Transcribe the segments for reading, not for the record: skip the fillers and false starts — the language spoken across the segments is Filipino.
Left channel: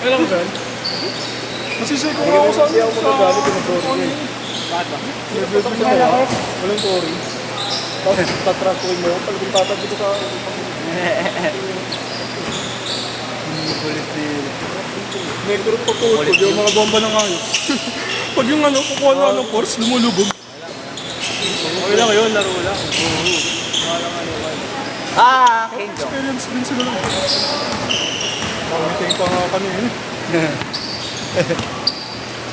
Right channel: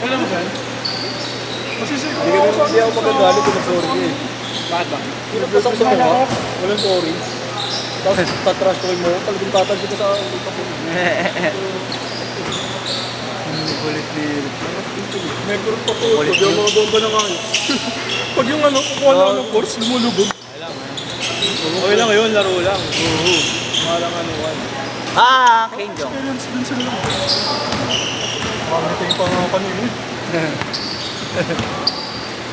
Alam mo ba? Masisip ko Hindi ka sa naman siya ako magagalit kung mag-sorry eh. Yung views mo sa kanila, walang sorry. Tapos tatransfer mo, pag pinapapag ko sa Kulit-kulit. may group pa po, yung mga bomba ng hangin. Pag yung ano, kukuha na ng force, lumulubog. okay lang ngayon, laro lang. King ko. Experience din sila lang. Meeting pa nga kanina.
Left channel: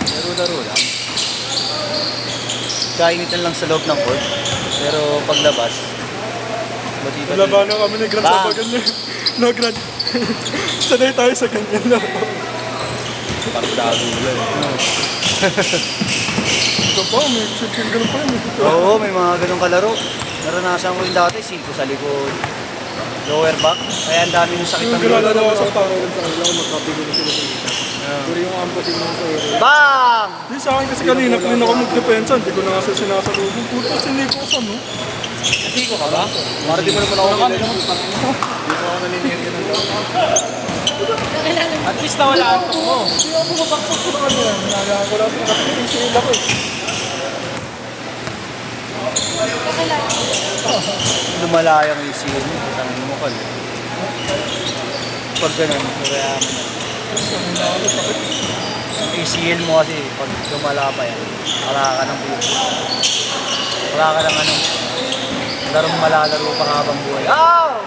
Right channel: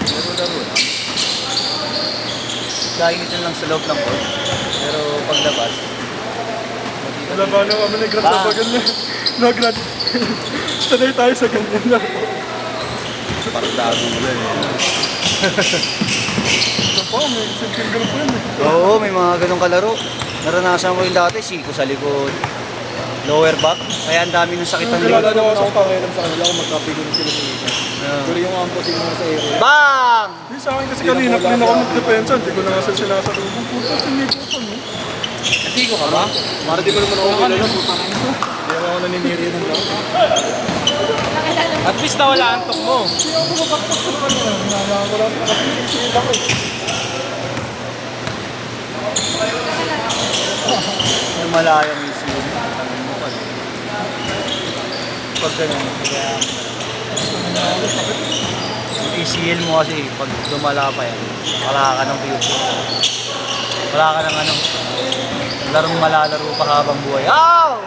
Laro-laro lang. Kainitan lang sa loob ng court. Pero paglabas, Labanan kami ni Grant sa ganyan. Na Grant. Sanay tayo sa ganyan lang. partado mo lang eh. Ito pa, may simple ganun pa yun. Oo, may mga ganong kalaro. Naranasan ko yung dati, siko sa likod. Lower back, kaya ang dami ng sakit Yung ng nilalaro likod. ako sa pangiram sa kanila, magkapigil sila sa isa. Pero yung ampas yung sa area. Bam! Di sa akin kasi kanina, clean ako magdepensa. Hindi ko na kasi sinasalubong. Puta, sinikosan mo. Siko ka ba? Para di mo naman ako kilala, putang mo. Hindi ako naniniri rin. At least nawalaan ko mo. Hindi ako mabaksak ko na kanina. Hinayaan ko lang. Nakapiling sila ko eh. Lumalayang yung siyo mo. Sabi mo ka. Pag gano'n, kaya ang ACL mo kasi pag lumala pa yan, wala ka ng view. Wala ka ng anong larong malalaro pa habang buhay. Ah!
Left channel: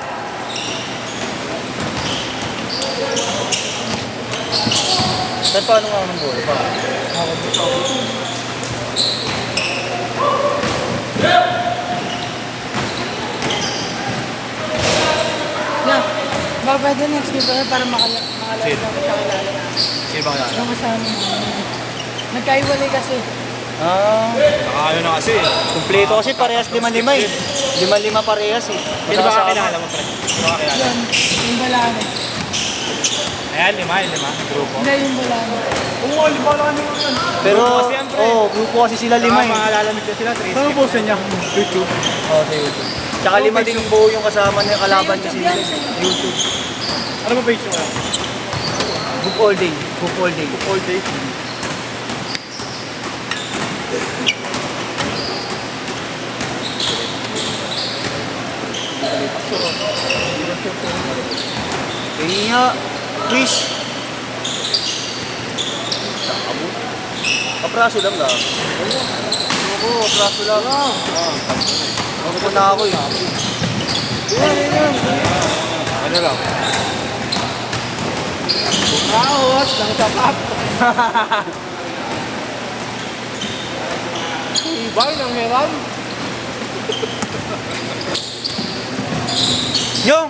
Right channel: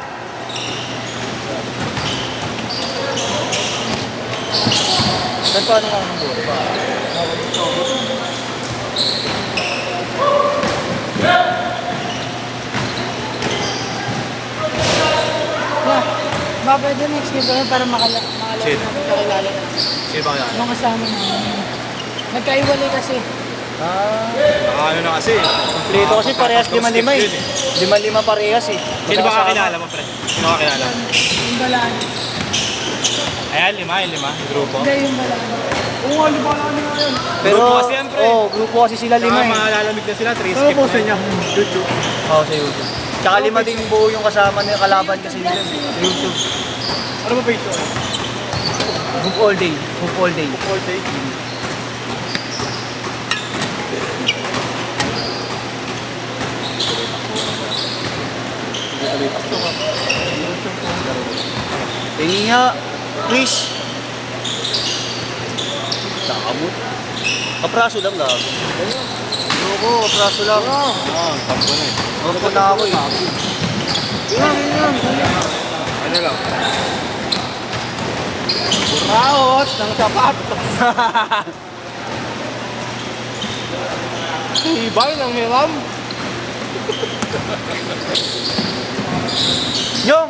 Ba't paano lang ng buhay? Baba din next dito para makilala. Sino ba kaya? Mga kasama mo. Nagkaiwalay kasi. Nakakaano na kasi. Kompleto kasi parehas 5-5 eh. 5-5 parehas eh. Sino ba Magkakasama. kakilala mo, pre? Sino ba kakilala? Yan, yung balano. Ayan, lima. Grupo. Hindi yung balano. Oo nga, libalan nyo na yan. Pero, Grupo kasi yan, pre. grupo kasi sila 5 eh. Makalalamig na sila, 3 Ano po sa inyo? YouTube. Oo, sa YouTube. Tsaka 5 din buo yung kasama na yung kalaban niya sila. YouTube. Ano ba ba yung show? Hoop all day. Hoop all day. All day. Tingin nga, Chris. Kapraso lang ba? Oo, kapraso lang. Ano ko na ako eh. Ano lang? Nakawas, nangutapat. Ibay lang hiram. Yung!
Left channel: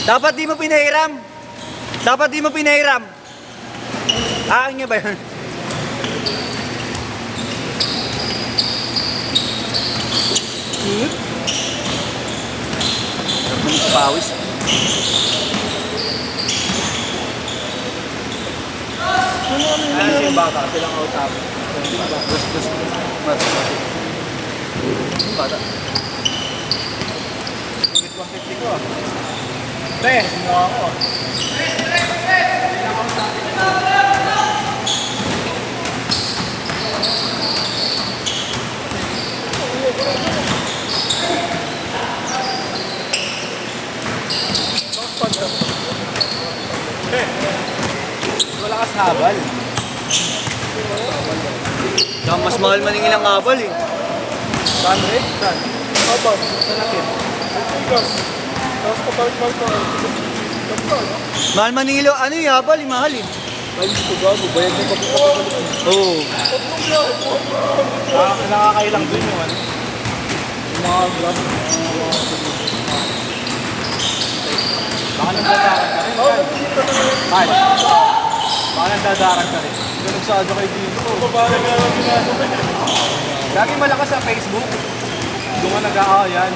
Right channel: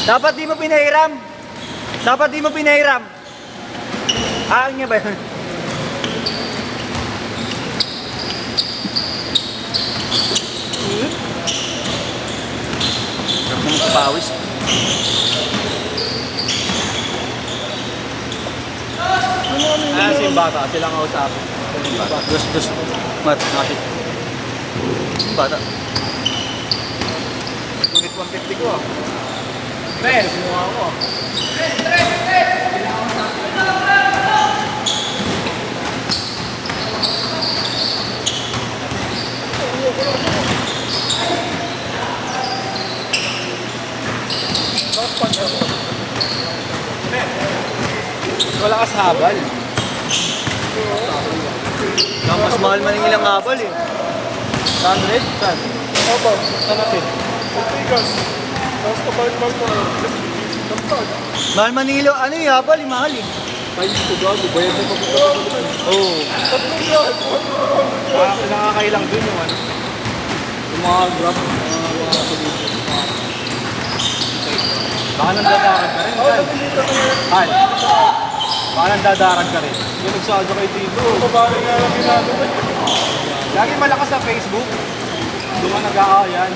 Dapat di mo pinahiram. Dapat di mo pinahiram. Akin niya ba yun? Sarap naman sa pawis. Wala si bata, silang kausap. Mat. Bata. Ulit 150 ko ah. Pre, sinuha ako ah. Pre, wala ka sa habal. Mas mahal man yung ilang habal eh. Saan rin? Saan? Ano ba? Saan natin? Tapos kapag pa. Mahal man yung ilang, ano yung habal, yung mahal eh. Ay, ito gago. Bayad mo pagkakabalik. Oo. Tatlong siya. Nakakailang dun yung ano. Yung mga grab. Baka nang dadaran ka rin. Oo, pagkikita ko yun. Ay. Baka nang dadaran ka rin. Nagsado kayo dito. Babae nga yung ginagawa. Lagi malakas sa Facebook. Doon ka nag-aayan.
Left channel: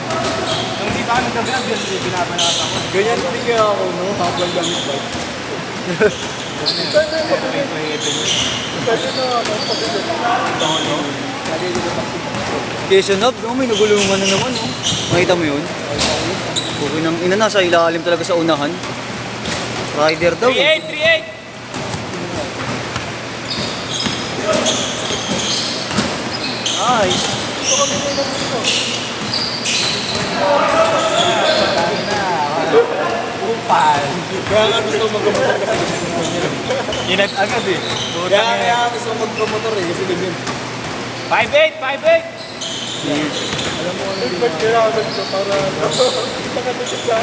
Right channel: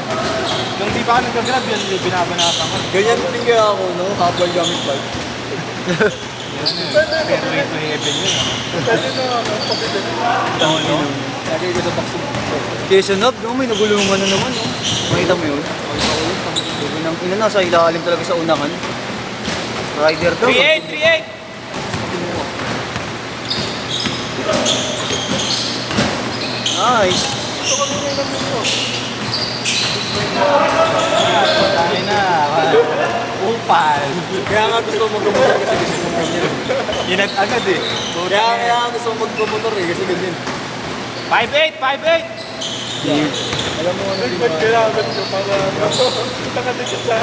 Kung di pa ka nag-vlog, yun yung binabanatan ko. Ganyan din kaya ako, no? Habang gamit bike. Kaya try to heaven yun. Pwede na, ano, pagkikita. Sabi ko na taxi. Quezon Hub, no? May nagulungan na naman, no? Makita mo yun? Ina nasa ilalim talaga sa unahan. Rider daw. 3-8, 3-8. Nice. Kaya nga gusto ko mag-motor kasi ganyan. Inat agad eh. Kaya gusto ko mag-motor eh kasi ganyan. 5-8, 5-8. Ba't kaya agad ko para kita ka dito sa...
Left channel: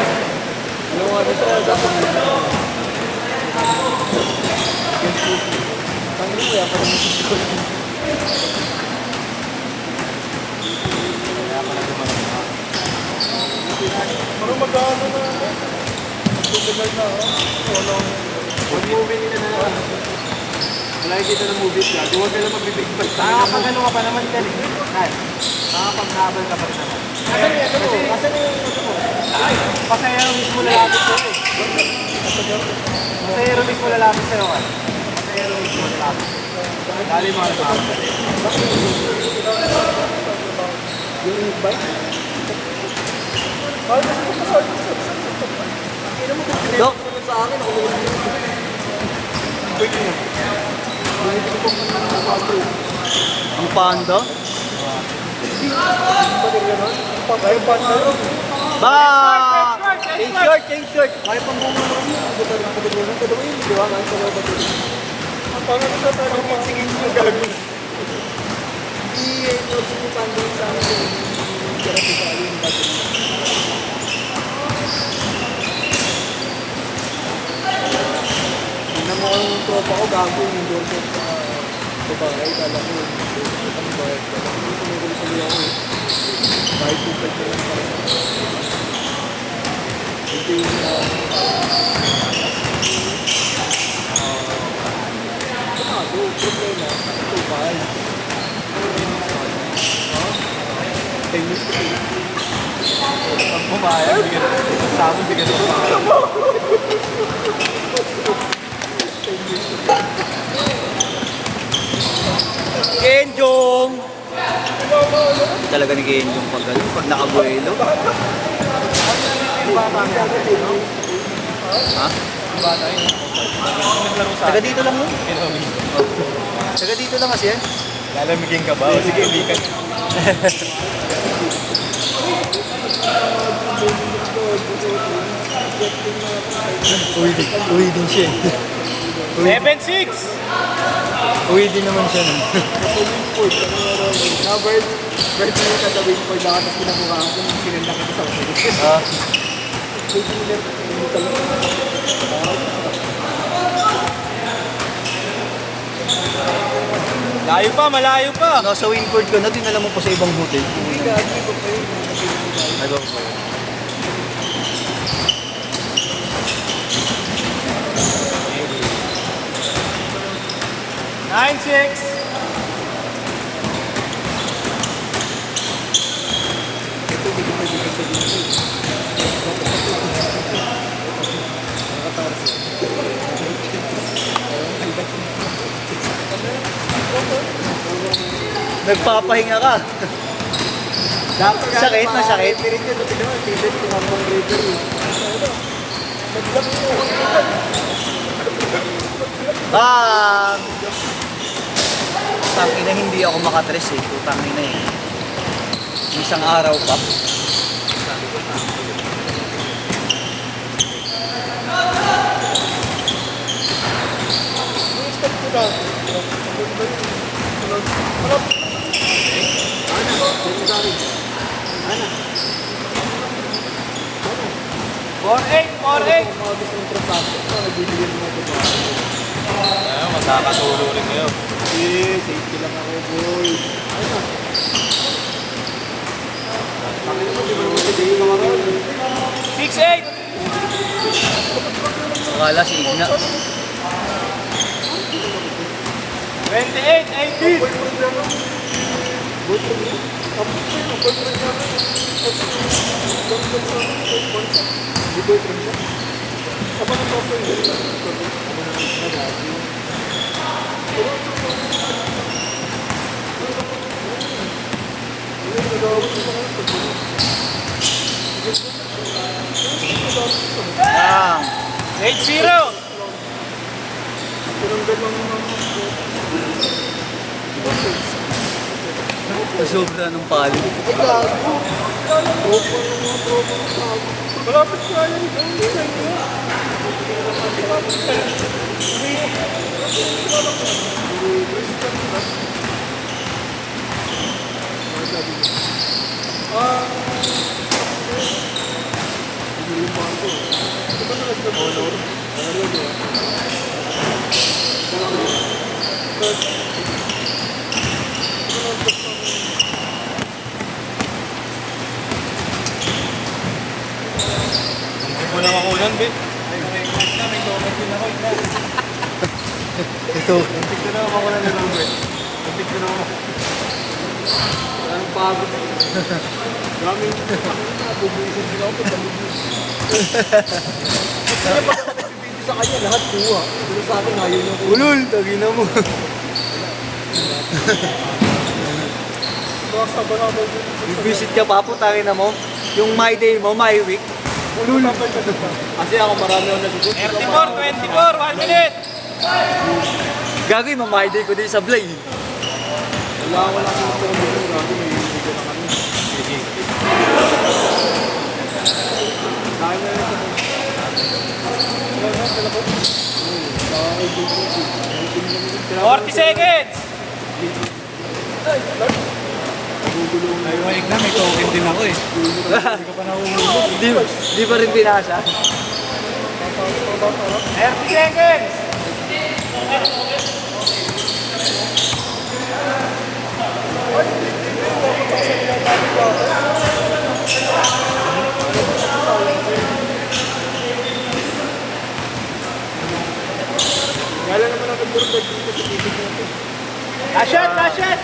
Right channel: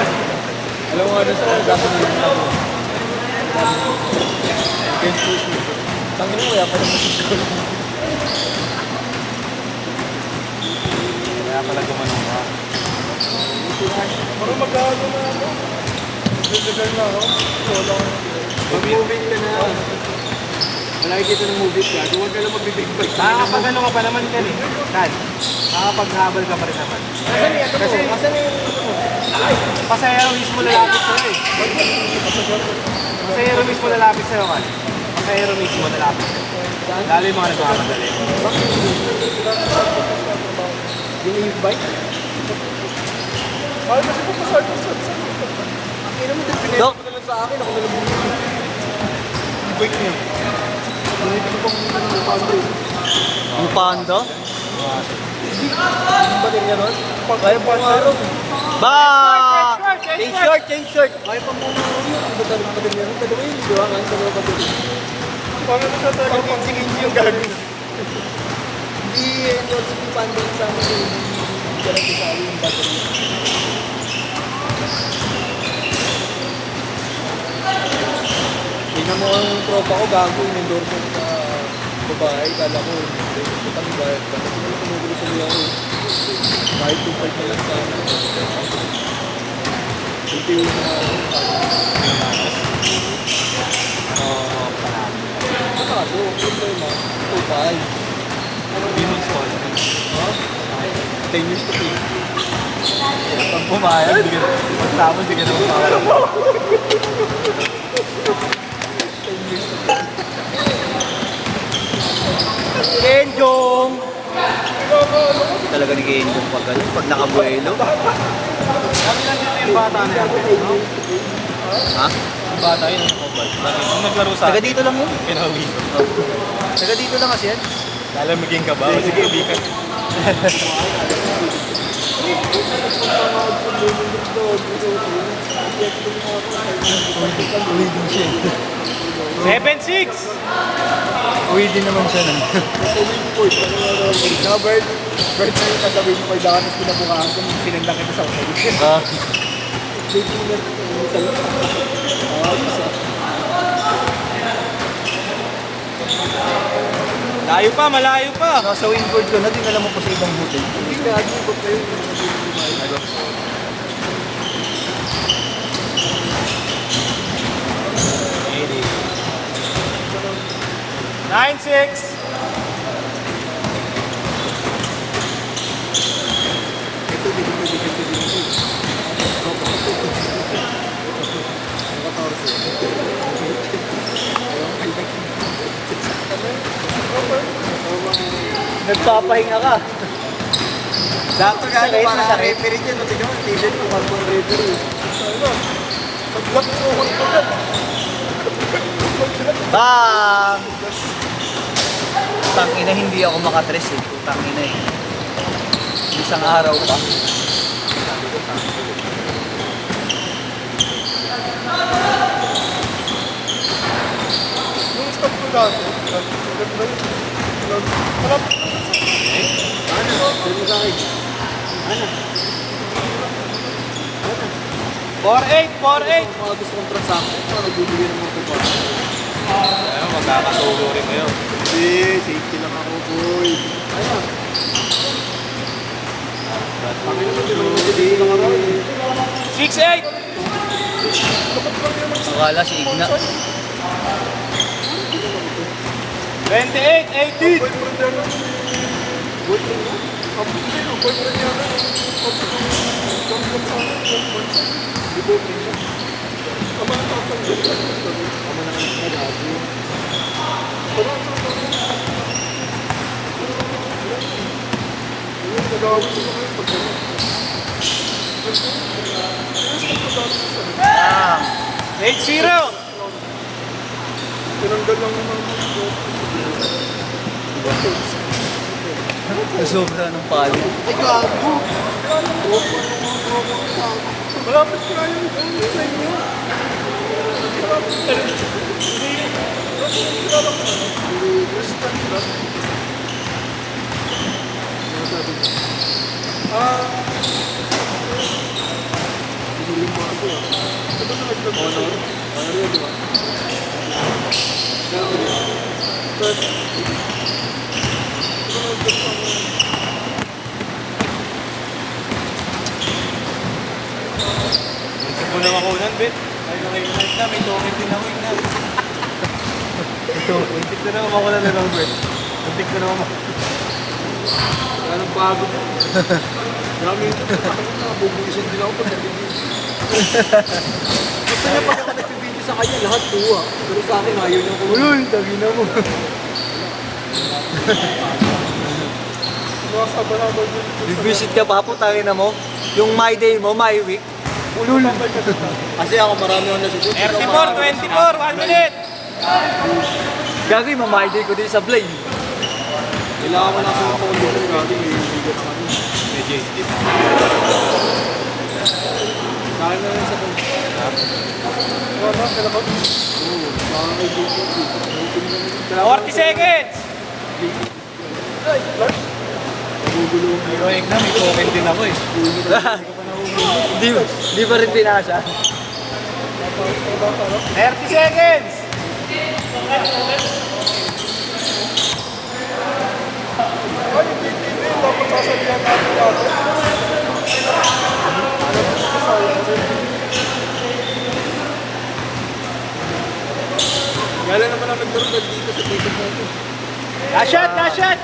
Alam mo nga dito sa usapan na yun. Tangin mo, kaya pa naman Parang mag-ano na ako. Mag-level na ako. Wala ako. Mag-movie ka na. Nakikita ng movies ka. Huwag ka lang magbibig bike. Magano ka pa naman galing. Nakapag-habal ka pa rin naman. Kasi pasayero mismo lalapit sa'yo eh. Pasayero mismo lalapit sa'yo. Pasayero mismo lalapit sa'yo. Dali mo na ito. Yung e-bike? Dok. Sa akin, Ang panda? kaya pa nga yun. Ba! Change short, change short. Kaya pa nga yun. Padawin, di ba? Kaya sa mga padawin. Ang pangit na ito. Ang Tingin niyo yung gagawin. Hindi, yung tandem sa akin. Pero sa akin yung padawin. Tingnan mo yung tropa ko, gago yung nandun sa babae. Kala ko yung ang bayad ko. Hindi tumigil-tumigil ako eh. Kahit yung pagka yung sa akin. Hindi yung problema. Ito tayo. Tennis ko eh. Ang pumayag. Tapos bigyan Kenjong! Talaga nag-Kenjong pag ganun, pag nakabuelo. Ha? Taga dito lang mo? Taga dito lang kasi yan. Lalamigin ka ba? O sige, bikan. Uwi din siya. 7-6! Uwi din naman siya nun. Now, Bert, ganito mo sasabihin ko pag tapos pinamukhaan ko nung sinandak ito sa kapatid. Layo pa, malayo pa. Nasa wingboard ka na, tingnan mo pa sa ibang hotel. Hindi ka, hindi ko pa yun. 9-6. Nagpapahinga ka. Sakit na sakit. Pero yun, tignan mo, tignan mo, ang referee. Bang! Tangina, hindi ako makatres eh. Tangina eh. Isang araw pa. Yung stop ko dati. Mga gusto ng transaction, nagbibigyan mo ito pa. Ayun, magkakasulo rin kayo. Eh, safety lang ako, boy. Akala si Igna. 28-18. 8-0! Tinanggal lang naman ako. Sobra ng palo. Ay, gago. Tropa yung mga tropa ko sa akin. Malapit ko lang yung gano'n sa inyo. Muntik mo nang ako nun, Bet. Muntik na lang ako na lang, Bet. Muntik na lang ako. Anong pagod? Dami. Bubuisin din ako pag nabibisi. Basta na pag ako nagbibisi sa kanya, lahat kuha. Pero sa akin, ayaw niya ko. Ulul, tagina mo. Visit ka pa po, tangin na mo. Yung my day mo, my week. Kasi ako marami ang nasusunod. 24, 1 minute! Gagawin mo, my day ko din sa Blade. Wala ako nasusunod. Grabe, may bigat sa akin. Kaya na yun sa kanya. Wala, pala ko. Oo, sa akin, bigat. 40 seconds! Naiwanig na, may token din ako eh. Hindi pa rin pinasa. 30 seconds! Kaya naman ako dito sa tito ko. Last shot!